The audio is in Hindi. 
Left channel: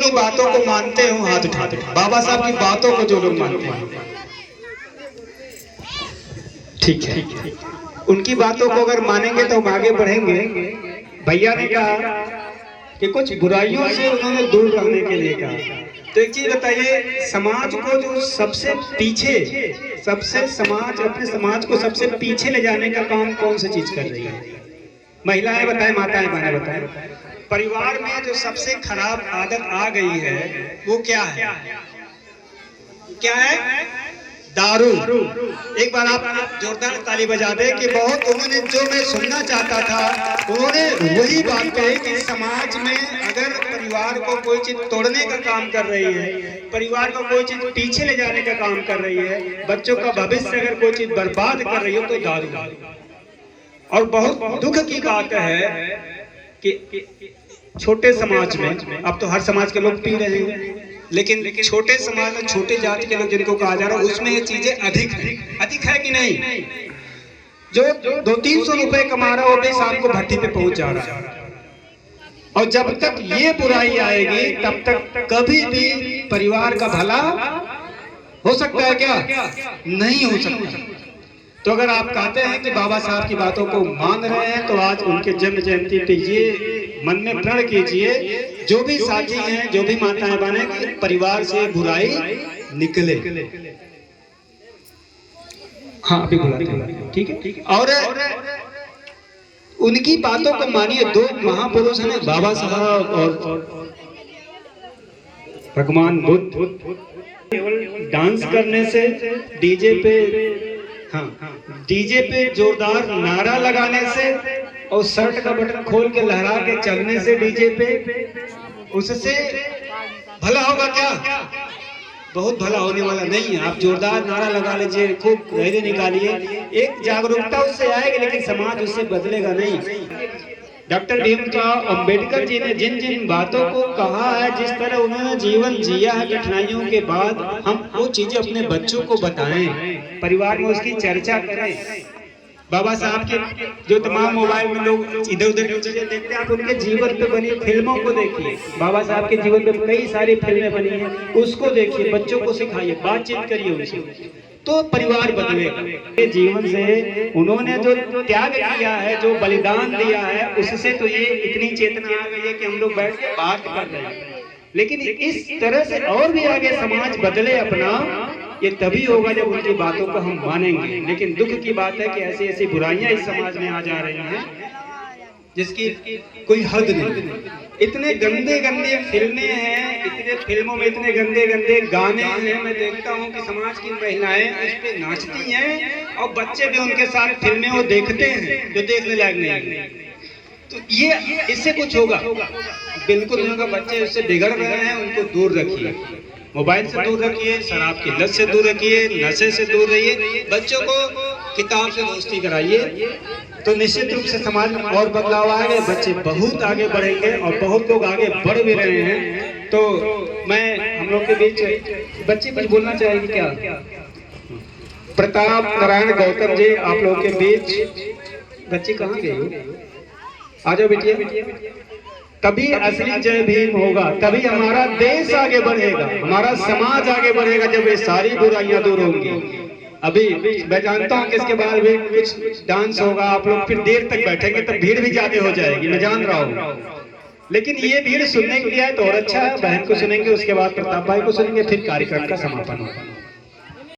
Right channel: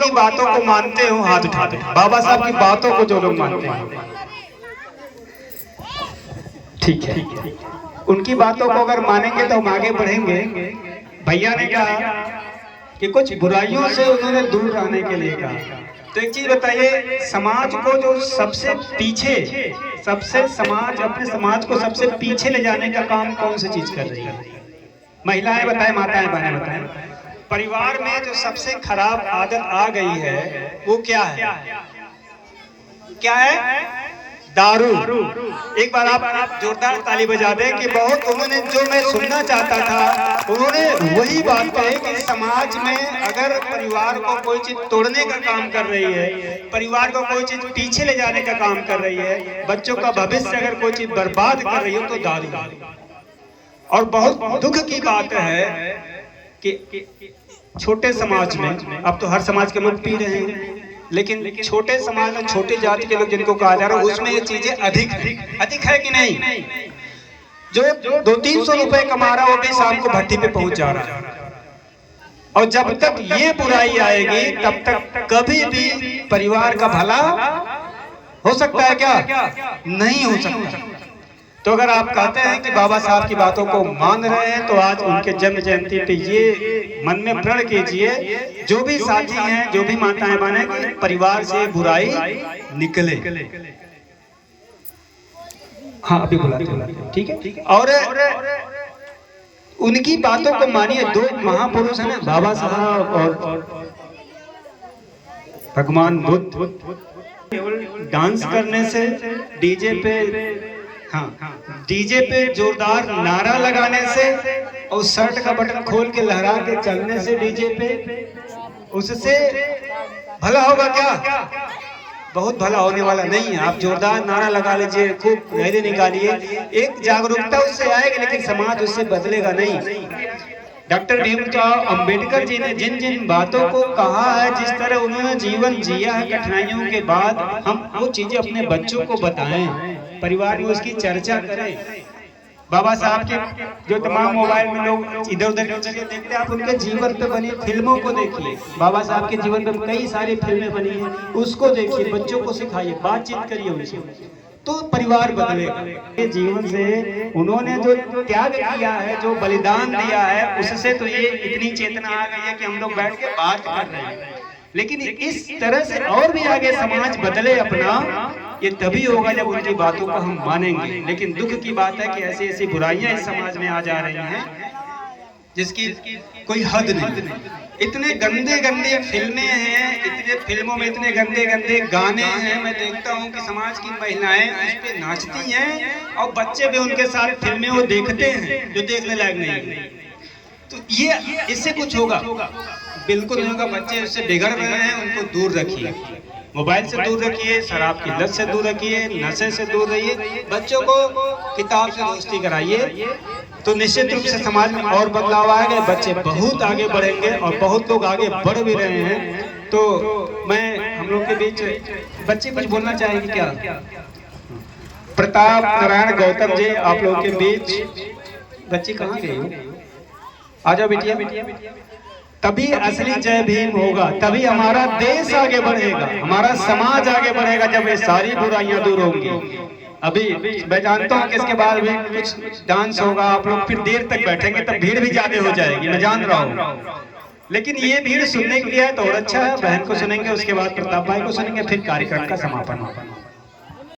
उनकी बातों को मानते हो हाथ उठा दो। बाबा साहब की बातों को जो लोग मानते हैं, ठीक है, उनकी बातों को अगर मानेंगे तो हम आगे बढ़ेंगे। भैया ने कहा कि कुछ बुराइयों से उन्होंने दूर रहने के लिए कहा। तो एक चीज बताइए, समाज को जो सबसे पीछे, अपने समाज को सबसे पीछे ले जाने का काम कौन सी चीज कर रही है? महिलाएं बताएं, माताएं बहनें बताएं। परिवार में जो सबसे खराब आदत आ गई है वो क्या है? क्या है? दारू। एक बार आप जोरदार ताली बजा दें कि बहुत उन्होंने, जो मैं सुनना चाहता था, उन्होंने वही बात कही कि समाज में अगर परिवार को कोई चीज तोड़ने का काम कर रही है, परिवार को कोई चीज पीछे ले जाने का काम कर रही है, बच्चों का भविष्य अगर कोई चीज बर्बाद कर रही हो तो दारू। और बहुत दुख की बात है कि छोटे समाज में, अब तो हर समाज के लोग पी रहे हैं, लेकिन छोटे समाज में छोटे जाति के लोग जिनको कहा जा रहा है, उसमें ये चीजें अधिक है कि नहीं? जो 200-300 रुपए कमा रहा है वो भी शाम को भट्टी पे पहुंच जा रहा है। और जब तक ये बुराई आएगी तब तक कभी भी परिवार का भला हो सकता है क्या? नहीं हो सकता। तो अगर आप कहते हैं कि बाबा साहब की बातों को मान रहे हैं तो आज उनके जन्म जयंती पे ये मन में प्रण कीजिए, जो भी साथी हैं, जो भी माताएं बहनें, परिवार से बुराई निकले। हाँ, अभी बुलाते हैं, ठीक है। और उनकी बातों को मानिए। दो महापुरुष हैं, बाबा साहब और भगवान बुद्ध। डांस करने से, डीजे पे, हाँ, डीजे पे जोरदार नारा लगाने से और शर्ट का बटन खोल के लहरा के चलने से डीजे पे, उससे भला होगा क्या? बहुत भला होने वाला नहीं है। आप जोरदार नारा लगा लीजिए, खूब रैली निकालिए, एक जागरूकता उससे आएगी, लेकिन समाज उससे बदलेगा नहीं। डॉक्टर भीमराव अंबेडकर जी ने जिन जिन बातों को कहा है, जिस तरह उन्होंने जीवन जिया है कठिनाइयों के बाद, हम वो चीजें अपने बच्चों को बताएं, परिवार में उसकी चर्चा करें। बाबा साहब के जो तमाम मोबाइल में लोग इधर उधर की चीजें देखते हैं, आप उनके जीवन पे बनी फिल्मों को देखिए। बाबा साहब के जीवन पे कई सारी फिल्में बनी हैं, उसको देखिए, बच्चों को सिखाइए, बातचीत करिए उनसे, तो परिवार बदलेगा। जीवन से उन्होंने जो त्याग किया है, जो बलिदान दिया है, उससे तो ये इतनी चेतना आ गई है कि हम लोग बैठ के बात कर रहे हैं। लेकिन इस तरह से और भी आगे समाज बदले अपना, ये तभी होगा जब उनकी बातों को हम मानेंगे। लेकिन दुख की बात है कि ऐसी ऐसी बुराइयां इस समाज में आ जा रही हैं जिसकी कोई हद नहीं। इतने गंदे गंदे फिल्में हैं, इतने फिल्मों में इतने गंदे गंदे गाने हैं। मैं देखता हूँ कि समाज की महिलाएं उस पे नाचती हैं और बच्चे भी उनके सारे फिल्में वो देखते हैं जो देखने लायक नहीं है। तो ये इससे कुछ होगा? बिल्कुल नहीं होगा। बच्चे उससे बिगड़ रहे हैं, उनको दूर रखिए, मोबाइल से दूर रखिए, शराब की लत से दूर रखिए, नशे से दूर रहिए, बच्चों को किताब से दोस्ती कराइए, तो निश्चित रूप से समाज में और बदलाव आएंगे, बच्चे बहुत आगे बढ़ेंगे और बहुत लोग आगे बढ़ भी रहे हैं। तो मैं हम लोग के बीच बच्चे कुछ बोलना चाहेंगे क्या? प्रताप नारायण गौतम जी आप लोगों के बीच। बच्चे कहाँ गए हो? आ जाओ बिटिया। तभी असली जय भीम होगा, तभी हमारा देश आगे बढ़ेगा, हमारा समाज आगे बढ़ेगा, जब ये सारी बुराइयां दूर होंगी। अभी मैं जानता हूँ कि इसके बाद भी कुछ डांस होगा, आप लोग फिर देर तक बैठेंगे, तब भीड़ भी ज्यादा हो जाएगी, मैं जान रहा हूँ। लेकिन ये भीड़ सुनने के लिए है तो और अच्छा है। बहन को सुनेंगे, उसके बाद प्रताप भाई को सुनेंगे, फिर कार्यक्रम का समापन होगा।